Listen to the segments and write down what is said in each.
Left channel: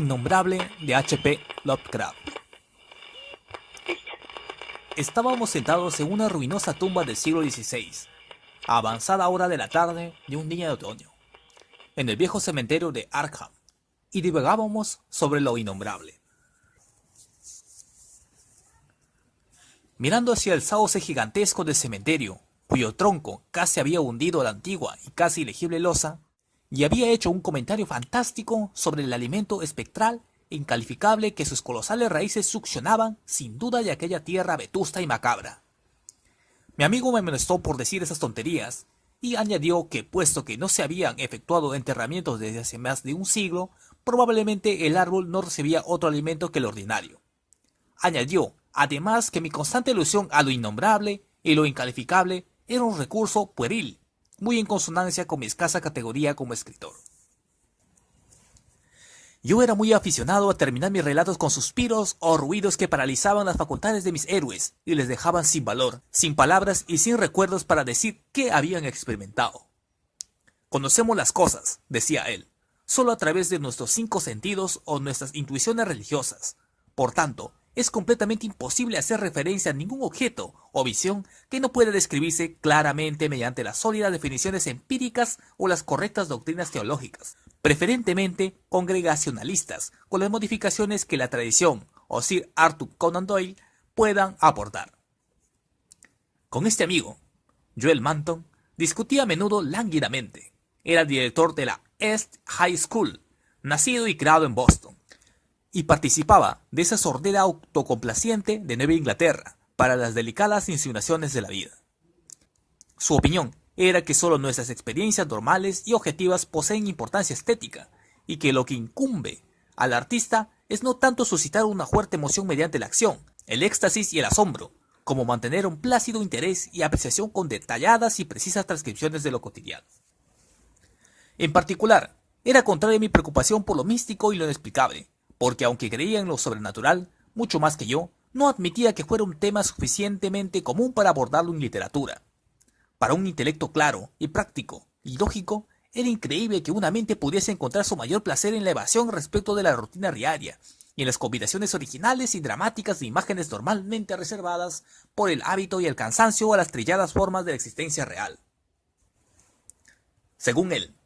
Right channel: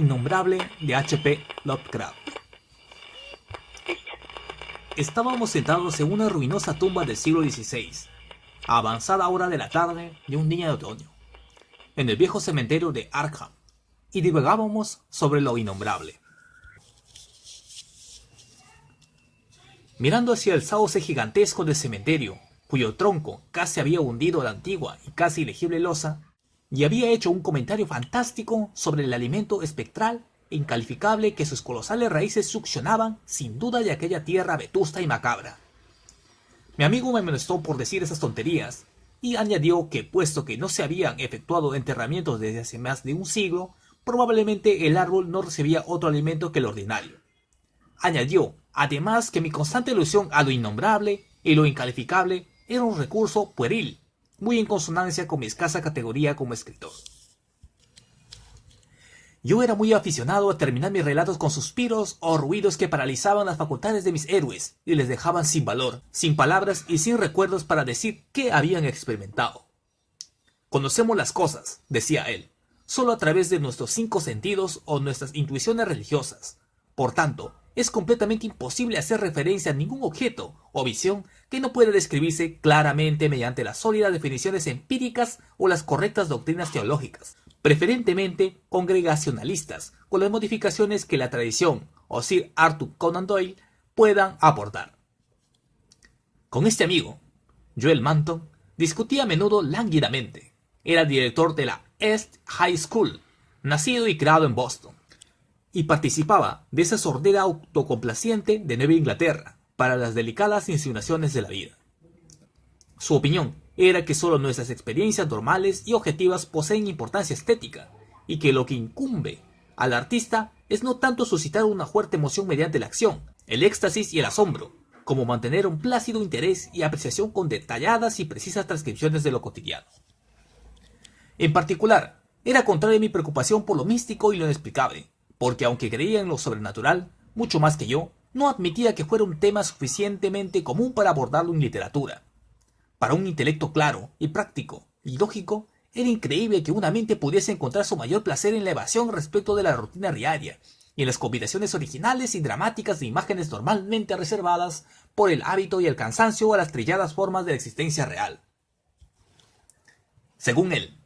Innombrable de H.P. Lovecraft. Estábamos sentados en una ruinosa tumba del siglo XVI, a avanzada hora de la tarde de un día de otoño, en el viejo cementerio de Arkham, y divagábamos sobre lo innombrable. Mirando hacia el sauce gigantesco del cementerio, cuyo tronco casi había hundido la antigua y casi ilegible losa, y había hecho un comentario fantástico sobre el alimento espectral e incalificable que sus colosales raíces succionaban sin duda de aquella tierra vetusta y macabra. Mi amigo me amonestó por decir esas tonterías, y añadió que, puesto que no se habían efectuado enterramientos desde hace más de un siglo, probablemente el árbol no recibía otro alimento que el ordinario. Añadió, además, que mi constante alusión a lo innombrable y lo incalificable era un recurso pueril, muy en consonancia con mi escasa categoría como escritor. Yo era muy aficionado a terminar mis relatos con suspiros o ruidos que paralizaban las facultades de mis héroes y les dejaban sin valor, sin palabras y sin recuerdos para decir qué habían experimentado. Conocemos las cosas, decía él, solo a través de nuestros 5 sentidos o nuestras intuiciones religiosas. Por tanto, es completamente imposible hacer referencia a ningún objeto o visión que no pueda describirse claramente mediante las sólidas definiciones empíricas o las correctas doctrinas teológicas, preferentemente congregacionalistas, con las modificaciones que la tradición o Sir Arthur Conan Doyle puedan aportar. Con este amigo, Joel Manton, discutía a menudo lánguidamente. Era director de la East High School, nacido y criado en Boston, y participaba de esa sordera autocomplaciente de Nueva Inglaterra para las delicadas insinuaciones de la vida. Su opinión era que solo nuestras experiencias normales y objetivas poseen importancia estética, y que lo que incumbe al artista es no tanto suscitar una fuerte emoción mediante la acción, el éxtasis y el asombro, como mantener un plácido interés y apreciación con detalladas y precisas transcripciones de lo cotidiano. En particular, era contraria mi preocupación por lo místico y lo inexplicable, porque aunque creía en lo sobrenatural, mucho más que yo, no admitía que fuera un tema suficientemente común para abordarlo en literatura. Para un intelecto claro y práctico y lógico, era increíble que una mente pudiese encontrar su mayor placer en la evasión respecto de la rutina diaria y en las combinaciones originales y dramáticas de imágenes normalmente reservadas por el hábito y el cansancio a las trilladas formas de la existencia real. Según él,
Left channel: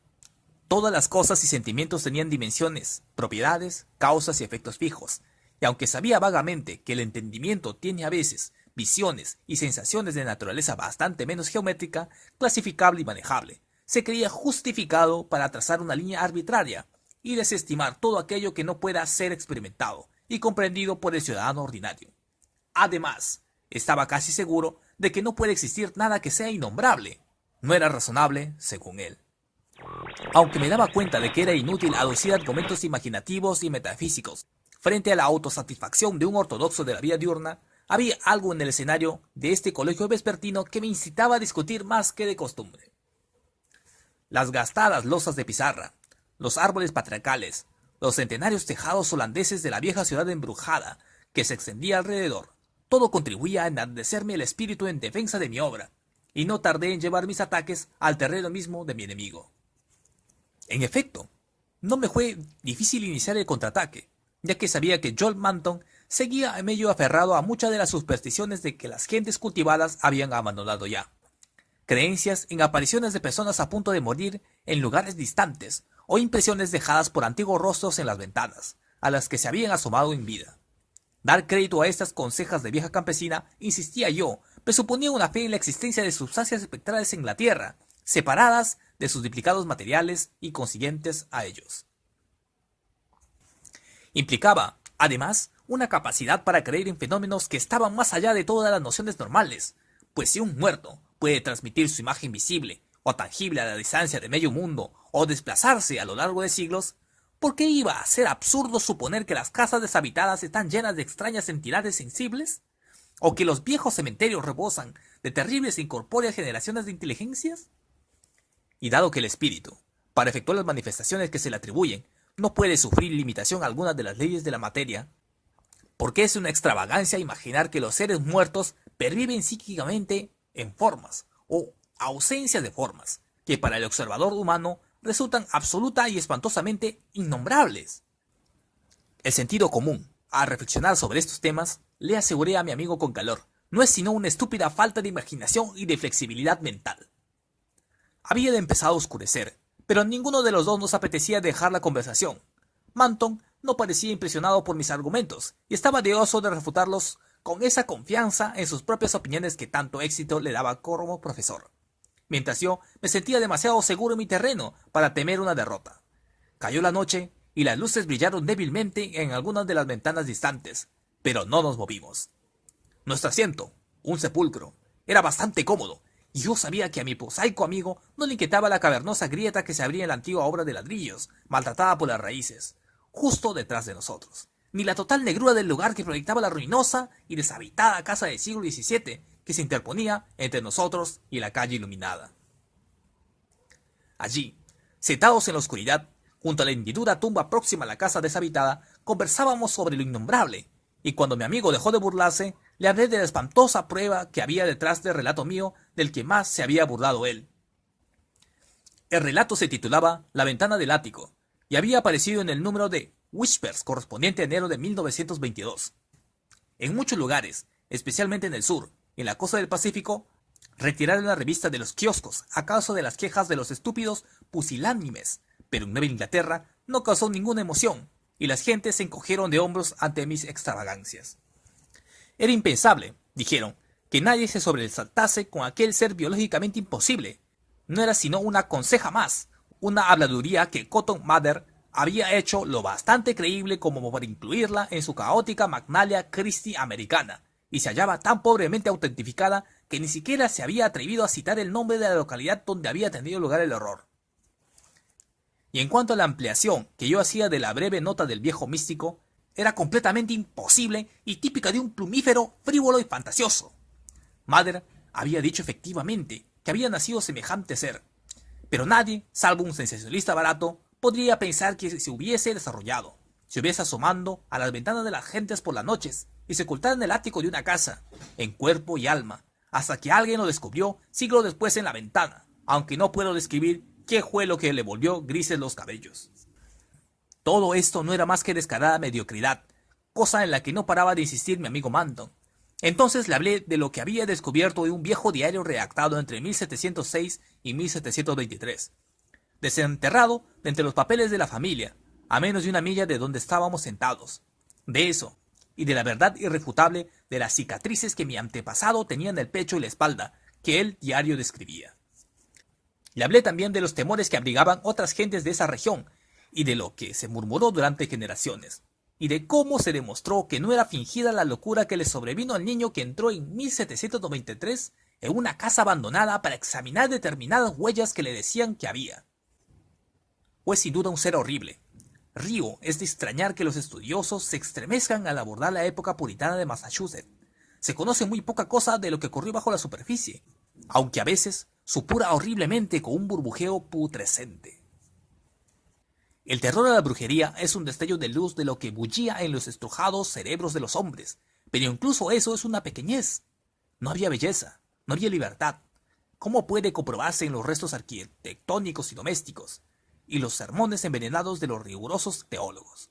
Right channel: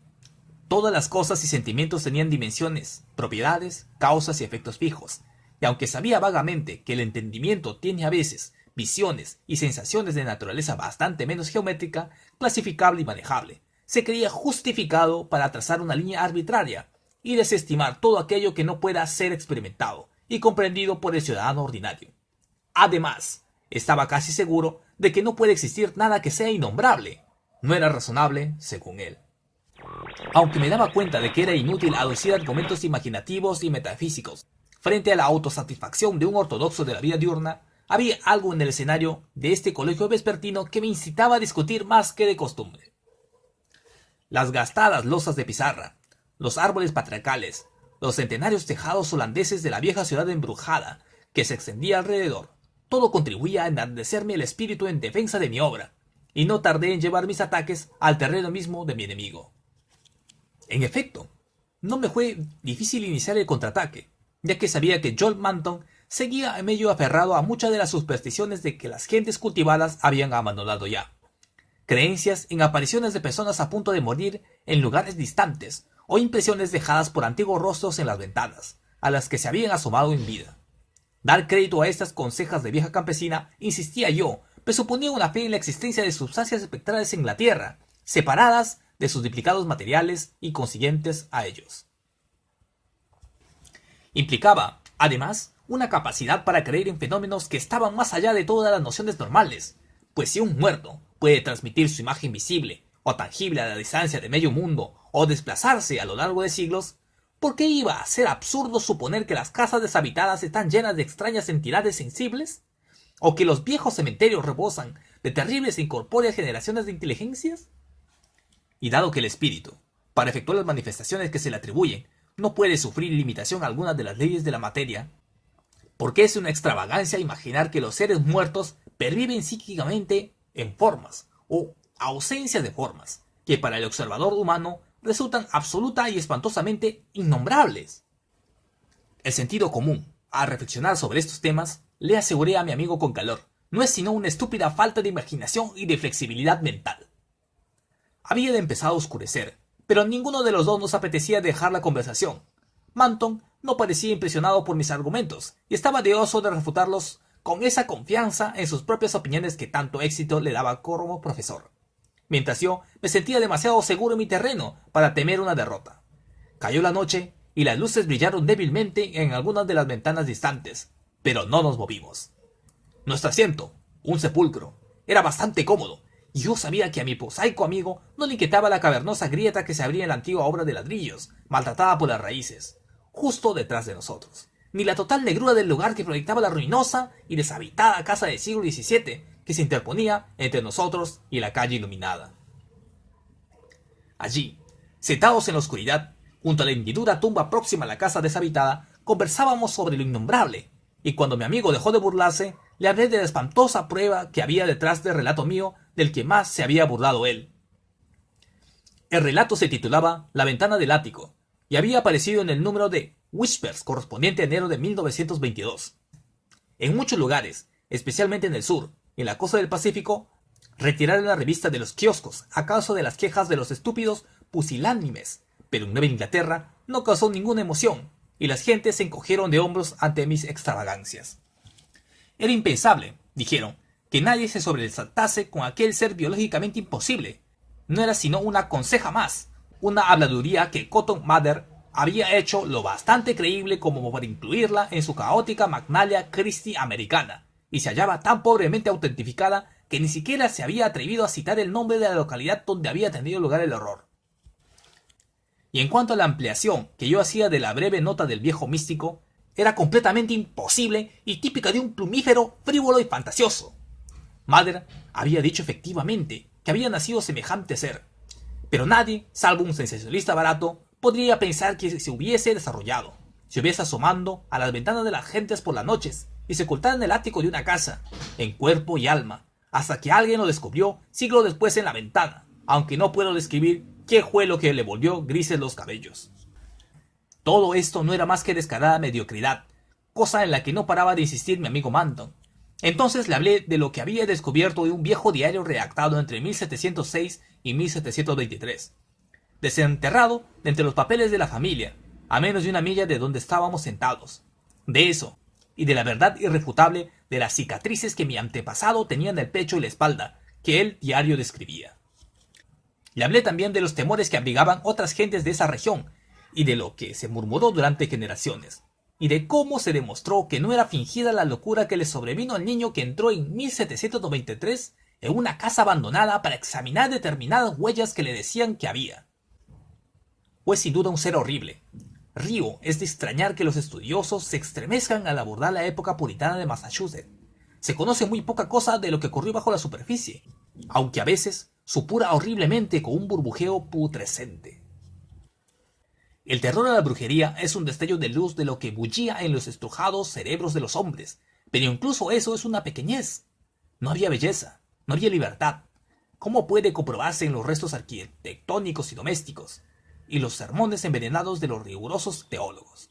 todas las cosas y sentimientos tenían dimensiones, propiedades, causas y efectos fijos, y aunque sabía vagamente que el entendimiento tiene a veces visiones y sensaciones de naturaleza bastante menos geométrica, clasificable y manejable, se creía justificado para trazar una línea arbitraria y desestimar todo aquello que no pueda ser experimentado y comprendido por el ciudadano ordinario. Además, estaba casi seguro de que no puede existir nada que sea innombrable. No era razonable, según él. Aunque me daba cuenta de que era inútil aducir argumentos imaginativos y metafísicos frente a la autosatisfacción de un ortodoxo de la vida diurna, había algo en el escenario de este colegio vespertino que me incitaba a discutir más que de costumbre. Las gastadas losas de pizarra, los árboles patriarcales, los centenarios tejados holandeses de la vieja ciudad embrujada que se extendía alrededor, todo contribuía a enardecerme el espíritu en defensa de mi obra, y no tardé en llevar mis ataques al terreno mismo de mi enemigo. En efecto, no me fue difícil iniciar el contraataque, ya que sabía que Joel Manton seguía medio aferrado a muchas de las supersticiones de que las gentes cultivadas habían abandonado ya. Creencias en apariciones de personas a punto de morir en lugares distantes, o impresiones dejadas por antiguos rostros en las ventanas, a las que se habían asomado en vida. Dar crédito a estas consejas de vieja campesina, insistía yo, presuponía una fe en la existencia de sustancias espectrales en la tierra, separadas de sus duplicados materiales y consiguientes a ellos. Implicaba, además, una capacidad para creer en fenómenos que estaban más allá de todas las nociones normales, pues si un muerto puede transmitir su imagen visible o tangible a la distancia de medio mundo o desplazarse a lo largo de siglos, ¿por qué iba a ser absurdo suponer que las casas deshabitadas están llenas de extrañas entidades sensibles? ¿O que los viejos cementerios rebosan de terribles e incorpóreas generaciones de inteligencias? Y dado que el espíritu, para efectuar las manifestaciones que se le atribuyen, no puede sufrir limitación alguna de las leyes de la materia, porque es una extravagancia imaginar que los seres muertos perviven psíquicamente en formas o ausencia de formas, que para el observador humano resultan absoluta y espantosamente innombrables. El sentido común, al reflexionar sobre estos temas, le aseguré a mi amigo con calor, no es sino una estúpida falta de imaginación y de flexibilidad mental. Había empezado a oscurecer, pero ninguno de los dos nos apetecía dejar la conversación. Manton no parecía impresionado por mis argumentos y estaba deseoso de refutarlos con esa confianza en sus propias opiniones que tanto éxito le daba como profesor. Mientras yo me sentía demasiado seguro en mi terreno para temer una derrota. Cayó la noche y las luces brillaron débilmente en algunas de las ventanas distantes, pero no nos movimos. Nuestro asiento, un sepulcro, era bastante cómodo, y yo sabía que a mi prosaico amigo no le inquietaba la cavernosa grieta que se abría en la antigua obra de ladrillos, maltratada por las raíces, justo detrás de nosotros, ni la total negrura del lugar que proyectaba la ruinosa y deshabitada casa del siglo XVII que se interponía entre nosotros y la calle iluminada. Allí, sentados en la oscuridad, junto a la hendidura tumba próxima a la casa deshabitada, conversábamos sobre lo innombrable, y cuando mi amigo dejó de burlarse, le hablé de la espantosa prueba que había detrás del relato mío del que más se había burlado él. El relato se titulaba La ventana del ático, y había aparecido en el número de Whispers correspondiente a enero de 1922. En muchos lugares, especialmente en el sur y en la costa del Pacífico, retiraron la revista de los kioscos a causa de las quejas de los estúpidos pusilánimes, pero en Nueva Inglaterra no causó ninguna emoción, y las gentes se encogieron de hombros ante mis extravagancias. Era impensable, dijeron, que nadie se sobresaltase con aquel ser biológicamente imposible. No era sino una conseja más, una habladuría que Cotton Mather había hecho lo bastante creíble como para incluirla en su caótica Magnalia Christi americana, y se hallaba tan pobremente autentificada que ni siquiera se había atrevido a citar el nombre de la localidad donde había tenido lugar el horror. Y en cuanto a la ampliación que yo hacía de la breve nota del viejo místico, era completamente imposible y típica de un plumífero frívolo y fantasioso. Mather había dicho efectivamente que había nacido semejante ser, pero nadie, salvo un sensacionalista barato, podría pensar que se hubiese desarrollado, se hubiese asomando a las ventanas de las gentes por las noches y se ocultara en el ático de una casa, en cuerpo y alma, hasta que alguien lo descubrió siglos después en la ventana, aunque no puedo describir qué fue lo que le volvió grises los cabellos. Todo esto no era más que descarada mediocridad, cosa en la que no paraba de insistir mi amigo Manton. Entonces le hablé de lo que había descubierto de un viejo diario redactado entre 1706 y 1723, desenterrado de entre los papeles de la familia, a menos de una milla de donde estábamos sentados. De eso, y de la verdad irrefutable de las cicatrices que mi antepasado tenía en el pecho y la espalda, que el diario describía. Le hablé también de los temores que abrigaban otras gentes de esa región, y de lo que se murmuró durante generaciones, y de cómo se demostró que no era fingida la locura que le sobrevino al niño que entró en 1793 en una casa abandonada para examinar determinadas huellas que le decían que había. Fue sin duda un ser horrible. Río es de extrañar que los estudiosos se estremezcan al abordar la época puritana de Massachusetts. Se conoce muy poca cosa de lo que ocurrió bajo la superficie, aunque a veces supura horriblemente con un burbujeo putrescente. El terror a la brujería es un destello de luz de lo que bullía en los estrujados cerebros de los hombres, pero incluso eso es una pequeñez. No había belleza, no había libertad. ¿Cómo puede comprobarse en los restos arquitectónicos y domésticos, y los sermones envenenados de los rigurosos teólogos?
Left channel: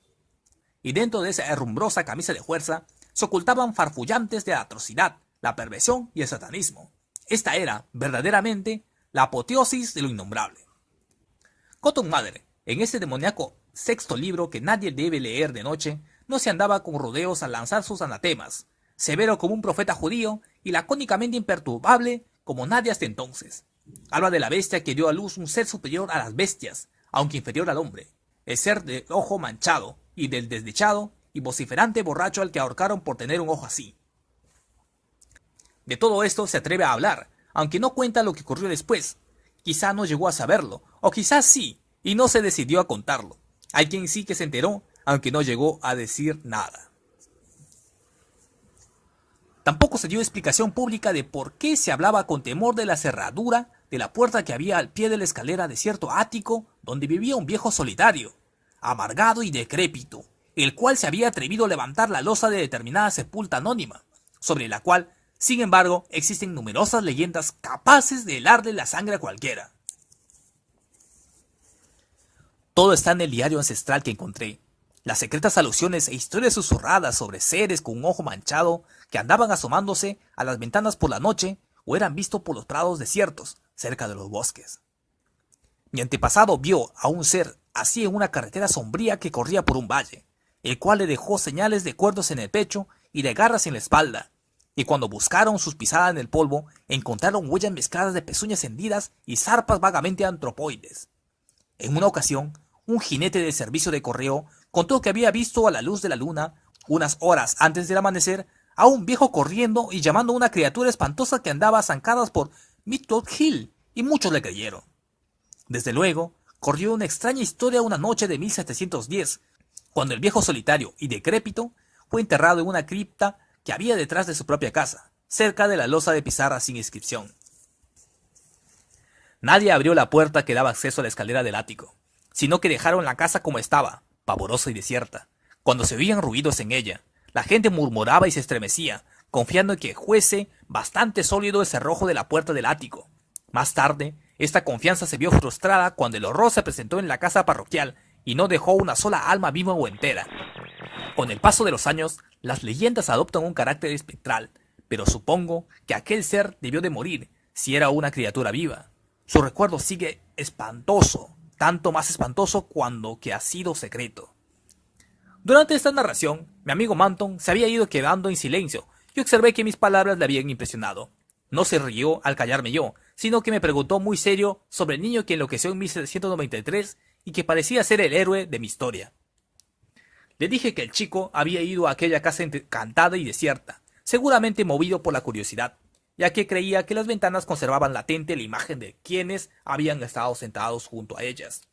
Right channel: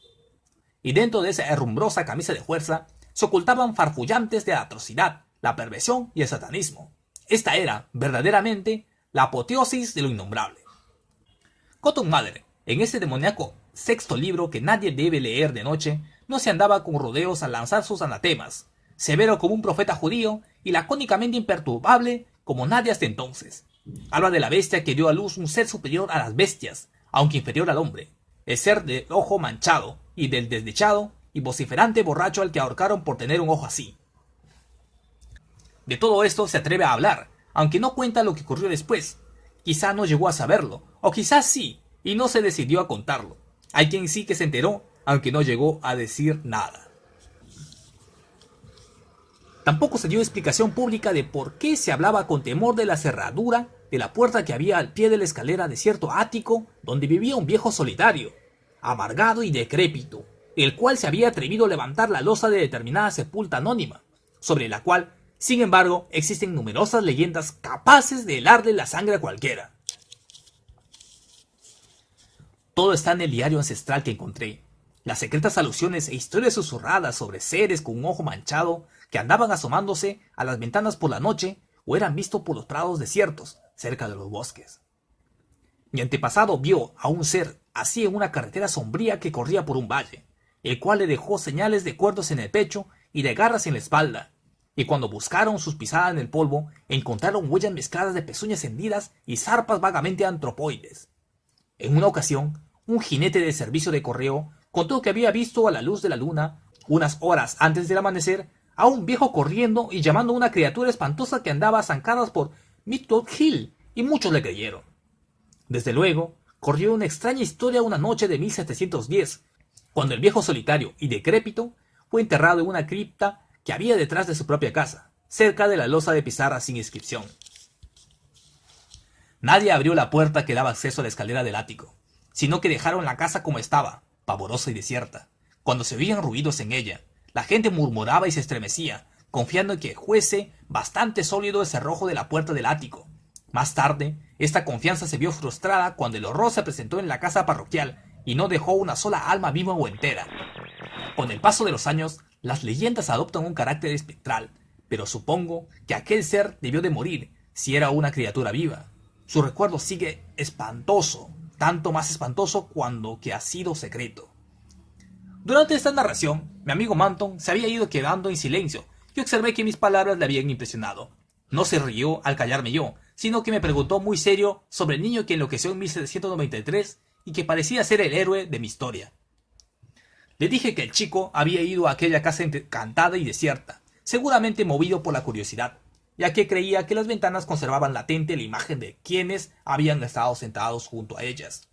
Y dentro de esa herrumbrosa camisa de fuerza se ocultaban farfullantes de la atrocidad, la perversión y el satanismo. Esta era, verdaderamente, la apoteosis de lo innombrable. Cotton Mather, en ese demoníaco sexto libro que nadie debe leer de noche, no se andaba con rodeos al lanzar sus anatemas, severo como un profeta judío y lacónicamente imperturbable como nadie hasta entonces. Habla de la bestia que dio a luz un ser superior a las bestias, aunque inferior al hombre, el ser de ojo manchado, y del desdichado y vociferante borracho al que ahorcaron por tener un ojo así. De todo esto se atreve a hablar, aunque no cuenta lo que ocurrió después. Quizá no llegó a saberlo, o quizás sí, y no se decidió a contarlo. Hay quien sí que se enteró, aunque no llegó a decir nada. Tampoco se dio explicación pública de por qué se hablaba con temor de la cerradura de la puerta que había al pie de la escalera de cierto ático donde vivía un viejo solitario, amargado y decrépito, el cual se había atrevido a levantar la losa de determinada sepulta anónima, sobre la cual, sin embargo, existen numerosas leyendas capaces de helarle la sangre a cualquiera. Todo está en el diario ancestral que encontré. Las secretas alusiones e historias susurradas sobre seres con un ojo manchado que andaban asomándose a las ventanas por la noche o eran vistos por los prados desiertos cerca de los bosques. Mi antepasado vio a un ser así en una carretera sombría que corría por un valle, el cual le dejó señales de cuernos en el pecho y de garras en la espalda, y cuando buscaron sus pisadas en el polvo, encontraron huellas mezcladas de pezuñas hendidas y zarpas vagamente antropoides. En una ocasión, un jinete de servicio de correo contó que había visto a la luz de la luna, unas horas antes del amanecer, a un viejo corriendo y llamando a una criatura espantosa que andaba a zancadas por Midwood Hill, y muchos le creyeron. Desde luego, corrió una extraña historia una noche de 1710, cuando el viejo solitario y decrépito fue enterrado en una cripta que había detrás de su propia casa, cerca de la losa de pizarra sin inscripción. Nadie abrió la puerta que daba acceso a la escalera del ático, sino que dejaron la casa como estaba, pavorosa y desierta. Cuando se oían ruidos en ella, la gente murmuraba y se estremecía, confiando en que fuese bastante sólido el cerrojo de la puerta del ático. Más tarde, esta confianza se vio frustrada cuando el horror se presentó en la casa parroquial y no dejó una sola alma viva o entera. Con el paso de los años, las leyendas adoptan un carácter espectral, pero supongo que aquel ser debió de morir si era una criatura viva. Su recuerdo sigue espantoso, tanto más espantoso cuando que ha sido secreto. Durante esta narración, mi amigo Manton se había ido quedando en silencio y observé que mis palabras le habían impresionado. No se rió al callarme yo, sino que me preguntó muy serio sobre el niño que enloqueció en 1793 y que parecía ser el héroe de mi historia. Le dije que el chico había ido a aquella casa encantada y desierta, seguramente movido por la curiosidad, ya que creía que las ventanas conservaban latente la imagen de quienes habían estado sentados junto a ellas.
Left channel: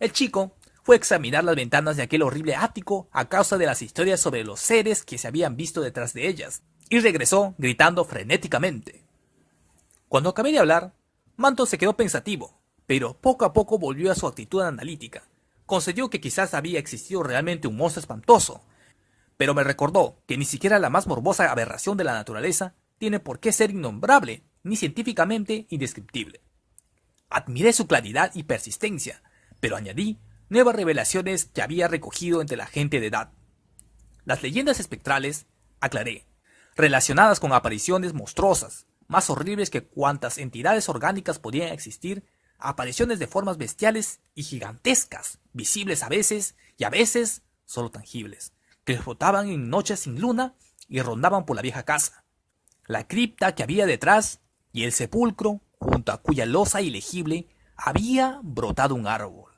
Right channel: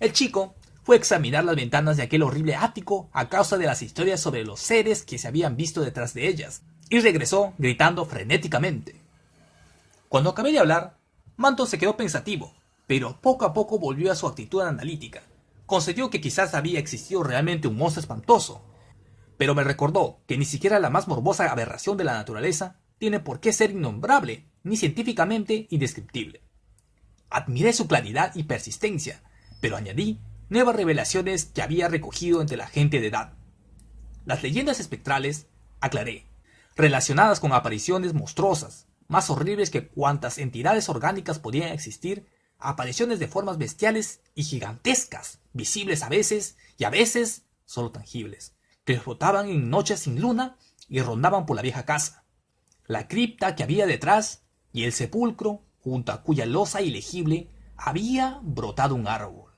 El chico fue a examinar las ventanas de aquel horrible ático a causa de las historias sobre los seres que se habían visto detrás de ellas, y regresó gritando frenéticamente. Cuando acabé de hablar, Manton se quedó pensativo, pero poco a poco volvió a su actitud analítica. Concedió que quizás había existido realmente un monstruo espantoso, pero me recordó que ni siquiera la más morbosa aberración de la naturaleza tiene por qué ser innombrable ni científicamente indescriptible. Admiré su claridad y persistencia, pero añadí nuevas revelaciones que había recogido entre la gente de edad. Las leyendas espectrales, aclaré, relacionadas con apariciones monstruosas, más horribles que cuantas entidades orgánicas podían existir, apariciones de formas bestiales y gigantescas, visibles a veces y a veces solo tangibles, que flotaban en noches sin luna y rondaban por la vieja casa, la cripta que había detrás y el sepulcro junto a cuya losa ilegible había brotado un árbol.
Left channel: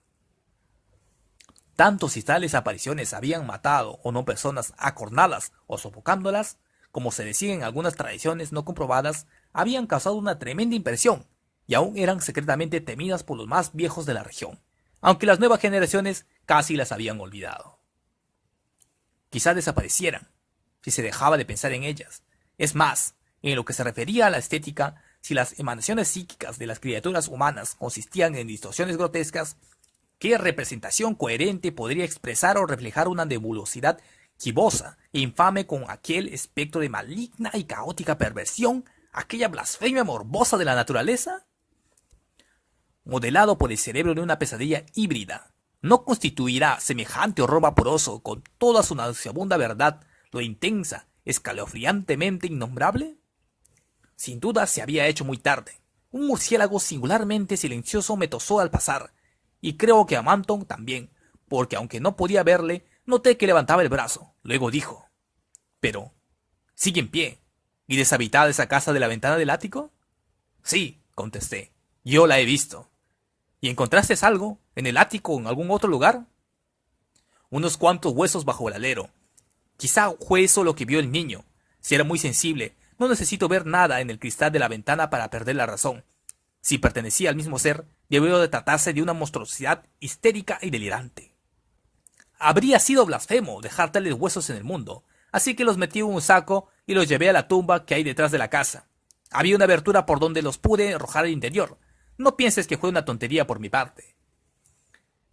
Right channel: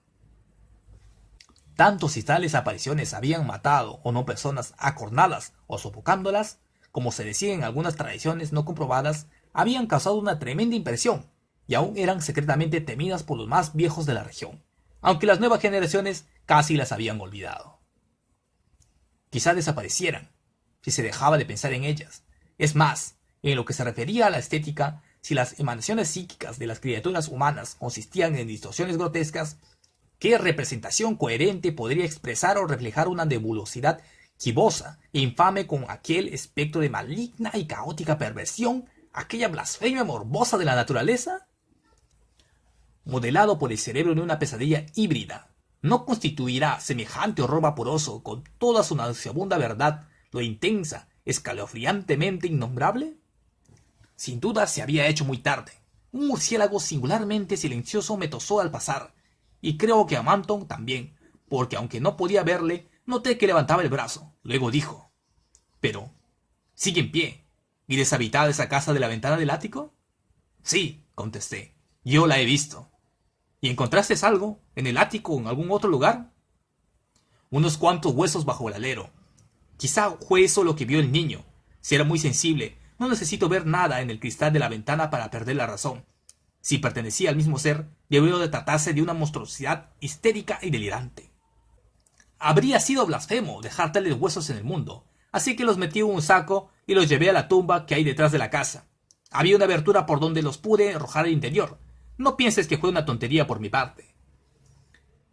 Tanto si tales apariciones habían matado o no personas acornadas o sofocándolas, como se decía en algunas tradiciones no comprobadas, habían causado una tremenda impresión y aún eran secretamente temidas por los más viejos de la región, aunque las nuevas generaciones casi las habían olvidado. Quizá desaparecieran, si se dejaba de pensar en ellas. Es más, en lo que se refería a la estética, si las emanaciones psíquicas de las criaturas humanas consistían en distorsiones grotescas, ¿qué representación coherente podría expresar o reflejar una nebulosidad gibosa e infame con aquel espectro de maligna y caótica perversión, aquella blasfemia morbosa de la naturaleza? Modelado por el cerebro de una pesadilla híbrida, ¿no constituirá semejante horror vaporoso con toda su nauseabunda verdad lo intensa, escalofriantemente innombrable? Sin duda se había hecho muy tarde. Un murciélago singularmente silencioso me tosó al pasar, y creo que a Manton también, porque aunque no podía verle, noté que levantaba el brazo. Luego dijo: «Pero, ¿sigue en pie y deshabitada esa casa de la ventana del ático?» «Sí», contesté, «yo la he visto». «¿Y encontraste algo en el ático o en algún otro lugar?» «Unos cuantos huesos bajo el alero. Quizá fue eso lo que vio el niño. Si era muy sensible, no necesito ver nada en el cristal de la ventana para perder la razón. Si pertenecía al mismo ser, debió de tratarse de una monstruosidad histérica y delirante. Habría sido blasfemo dejar tales huesos en el mundo, así que los metí en un saco y los llevé a la tumba que hay detrás de la casa. Había una abertura por donde los pude arrojar al interior. No pienses que fue una tontería por mi parte.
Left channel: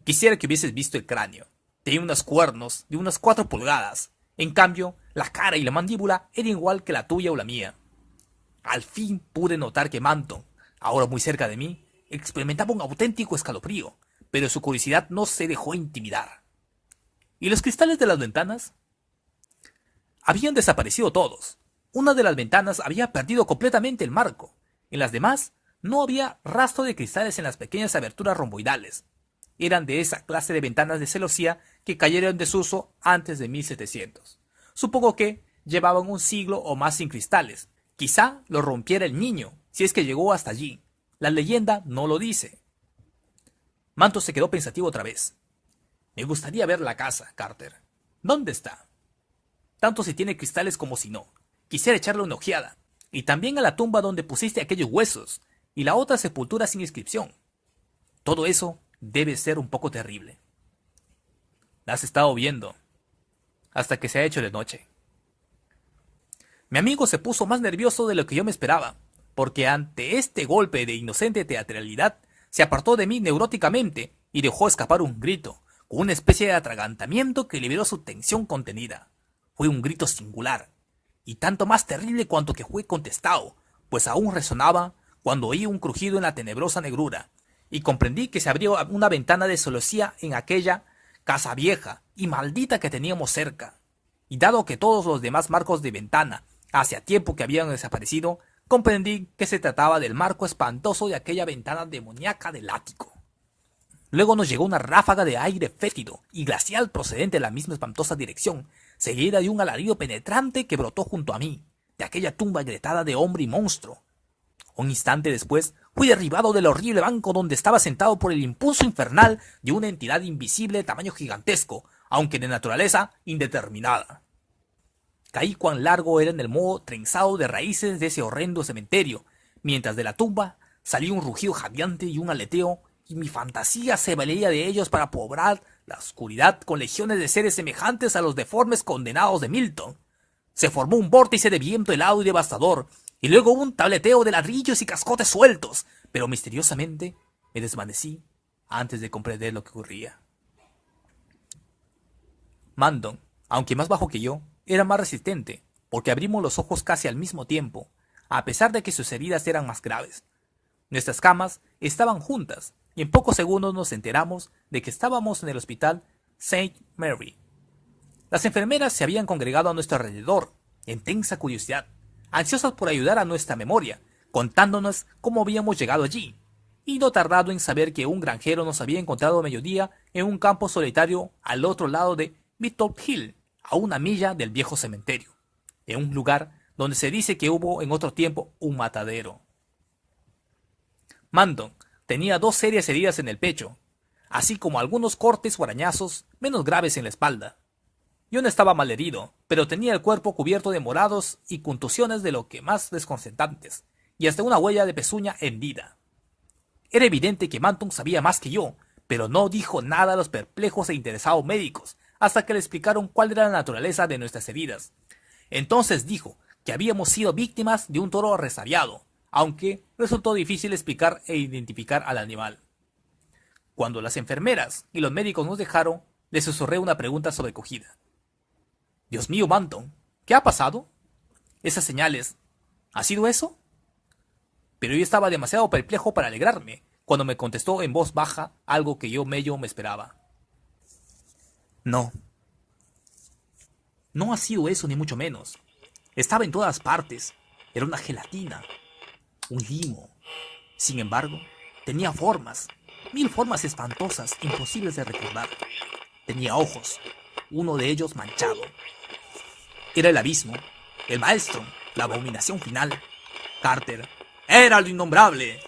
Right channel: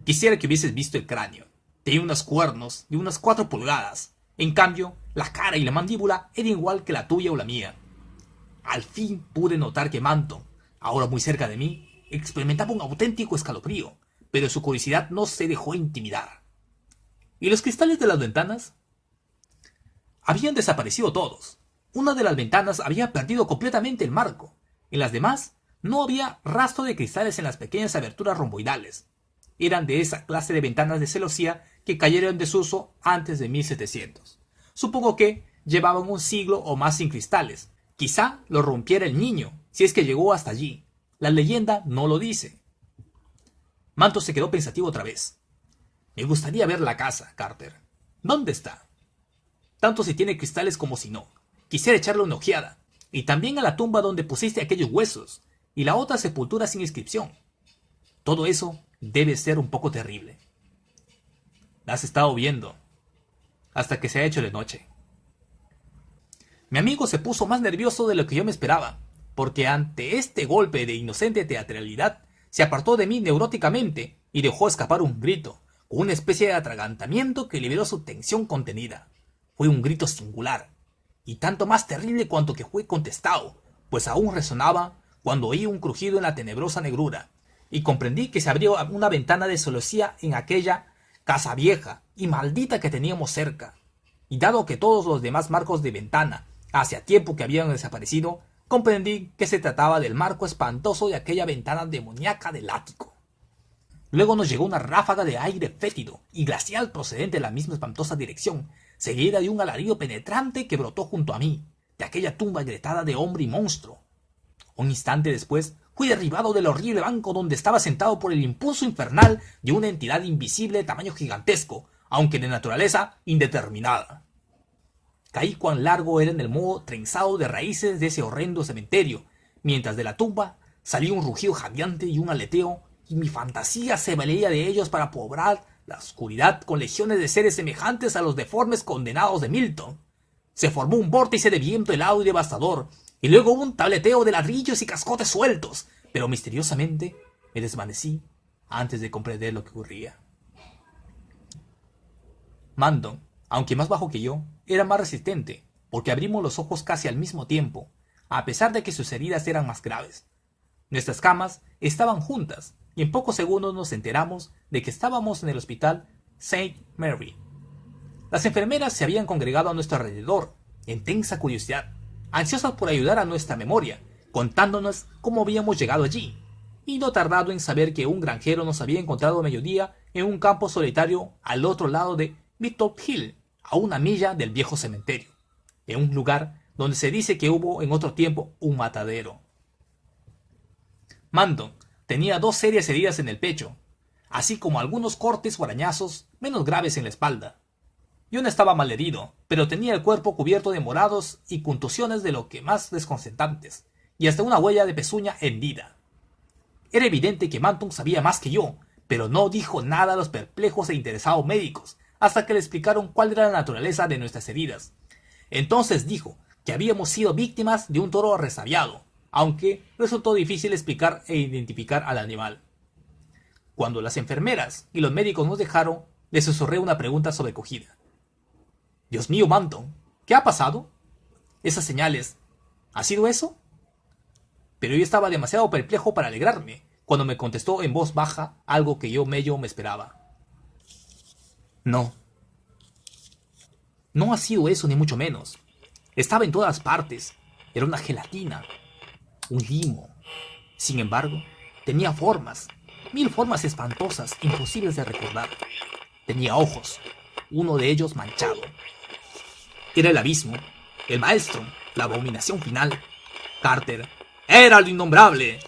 Quisiera que hubieses visto el cráneo. Tenía unos cuernos de unas 4 pulgadas. En cambio, la cara y la mandíbula eran igual que la tuya o la mía. Al fin pude notar que Manton, ahora muy cerca de mí, experimentaba un auténtico escalofrío, pero su curiosidad no se dejó intimidar. ¿Y los cristales de las ventanas? Habían desaparecido todos. Una de las ventanas había perdido completamente el marco. En las demás no había rastro de cristales en las pequeñas aberturas romboidales. Eran de esa clase de ventanas de celosía que cayeron en desuso antes de 1700. Supongo que llevaban un siglo o más sin cristales. Quizá los rompiera el niño, si es que llegó hasta allí. La leyenda no lo dice. Manto se quedó pensativo otra vez. Me gustaría ver la casa, Carter. ¿Dónde está? Tanto si tiene cristales como si no. Quisiera echarle una ojeada. Y también a la tumba donde pusiste aquellos huesos. Y la otra sepultura sin inscripción. Todo eso debe ser un poco terrible. La has estado viendo. Hasta que se ha hecho de noche. Mi amigo se puso más nervioso de lo que yo me esperaba, porque ante este golpe de inocente teatralidad, se apartó de mí neuróticamente y dejó escapar un grito, con una especie de atragantamiento que liberó su tensión contenida. Fue un grito singular, y tanto más terrible cuanto que fue contestado, pues aún resonaba cuando oí un crujido en la tenebrosa negrura, y comprendí que se abrió una ventana de celosía en aquella casa vieja y maldita que teníamos cerca. Y dado que todos los demás marcos de ventana hacía tiempo que habían desaparecido, comprendí que se trataba del marco espantoso de aquella ventana demoníaca del ático. Luego nos llegó una ráfaga de aire fétido y glacial procedente de la misma espantosa dirección, seguida de un alarido penetrante que brotó junto a mí, de aquella tumba agrietada de hombre y monstruo. Un instante después fui derribado del horrible banco donde estaba sentado por el impulso infernal de una entidad invisible de tamaño gigantesco, aunque de naturaleza indeterminada. Caí cuán largo era en el moho trenzado de raíces de ese horrendo cementerio, mientras de la tumba salió un rugido jadeante y un aleteo, y mi fantasía se valía de ellos para poblar la oscuridad con legiones de seres semejantes a los deformes condenados de Milton. Se formó un vórtice de viento helado y devastador, y luego un tableteo de ladrillos y cascotes sueltos, pero misteriosamente me desvanecí antes de comprender lo que ocurría. Mandon, aunque más bajo que yo, era más resistente, porque abrimos los ojos casi al mismo tiempo, a pesar de que sus heridas eran más graves. Nuestras camas estaban juntas, y en pocos segundos nos enteramos de que estábamos en el hospital St. Mary. Las enfermeras se habían congregado a nuestro alrededor, en tensa curiosidad, ansiosas por ayudar a nuestra memoria, contándonos cómo habíamos llegado allí, y no tardado en saber que un granjero nos había encontrado a mediodía en un campo solitario al otro lado de Midtown Hill, a una milla del viejo cementerio, en un lugar donde se dice que hubo en otro tiempo un matadero. Mandon tenía 2 serias heridas en el pecho, así como algunos cortes o arañazos menos graves en la espalda. Yo no estaba malherido, pero tenía el cuerpo cubierto de morados y contusiones de lo que más desconcertantes, y hasta una huella de pezuña hendida. Era evidente que Manton sabía más que yo, pero no dijo nada a los perplejos e interesados médicos, hasta que le explicaron cuál era la naturaleza de nuestras heridas. Entonces dijo que habíamos sido víctimas de un toro resabiado, aunque resultó difícil explicar e identificar al animal. Cuando las enfermeras y los médicos nos dejaron, le susurré una pregunta sobrecogida. «Dios mío, Manton, ¿qué ha pasado? Esas señales, ¿ha sido eso?» Pero yo estaba demasiado perplejo para alegrarme, cuando me contestó en voz baja algo que yo medio me esperaba. «No. No ha sido eso ni mucho menos. Estaba en todas partes. Era una gelatina. Un limo. Sin embargo, tenía formas. 1000 formas espantosas, imposibles de recordar. Tenía ojos. Uno de ellos manchado. Era el abismo. El maestro. La abominación final. Carter. Era lo innombrable.